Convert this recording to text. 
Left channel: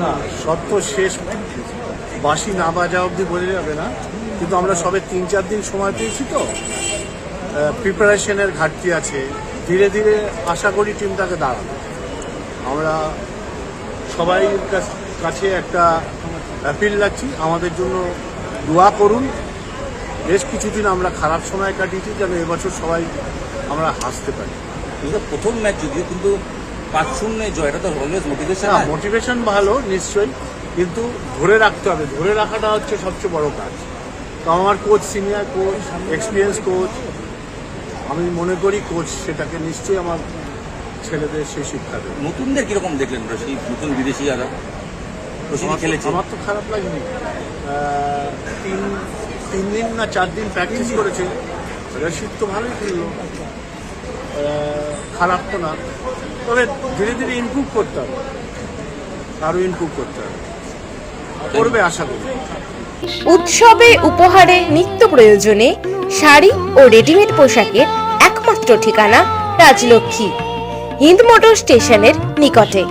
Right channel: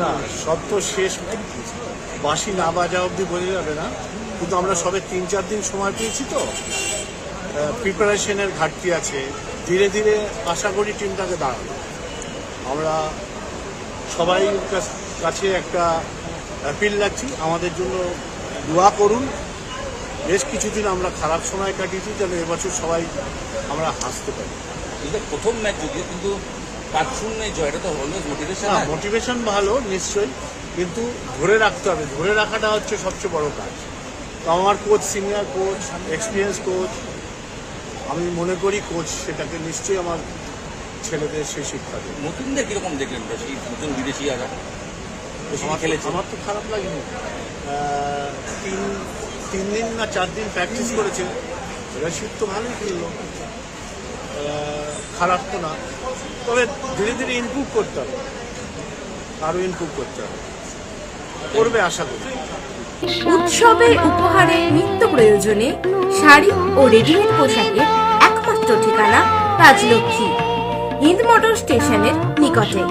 না, সব তো শেষ। বাসি না বাজা অবধি বোঝা যাবে না। কিন্তু আমরা সবে তিন, চার দিন সময় পেয়েছি তো। প্রিপারেশনের ঘাটতি আছে। ধীরে ধীরে আশা করি টিমটাকে দাঁড়াবে। আমরা সবাই কাছ- একটা অ্যাপিল রাখছি। আমাদের জন্য দোয়া করুন। বেশ কিছুদিন আমরা খারাপ সময় কাটিয়েছি, যেন এবছর সবাই আমরা হাসতে পারি। প্রথম ম্যাচ যদিও, কিন্তু পাঁচ শূন্য জয় এটা তো অলওয়েজ মোটিভেশন না মোটিভেশন ভালো নিশ্চয়ই। কিন্তু ধরে রাখতে হবে ধরে রাখাটা হচ্ছে সবচেয়ে বড় কাজ। তো আমার coach senior coach experience coach আমি মনে করি কোচ সেটাকে নিশ্চয়ই আমার ছেলেদের সেই শিক্ষা দেবে। নতুনদের কীরকম দেখলেন নতুন বিদেশি যারা আমার তো খারাপ লাগেনি। তিন তিন দিন না চার দিন প্র্যাকটিস করেছে। রশিদ তো ভালোই খেললো। খারাপ তো না। তবে ধীরে ধীরে ইমপ্রুভ করতে হবে। আরও ইমপ্রুভ করতে হবে। করবে আশা করি। উৎসবে উপহারে নিত্য প্রয়োজনে শাড়ি ও রেডিমেড পোশাকের একমাত্র ঠিকানা রাজলক্ষ্মী, হিন্দ মোটর স্টেশনের নিকটে।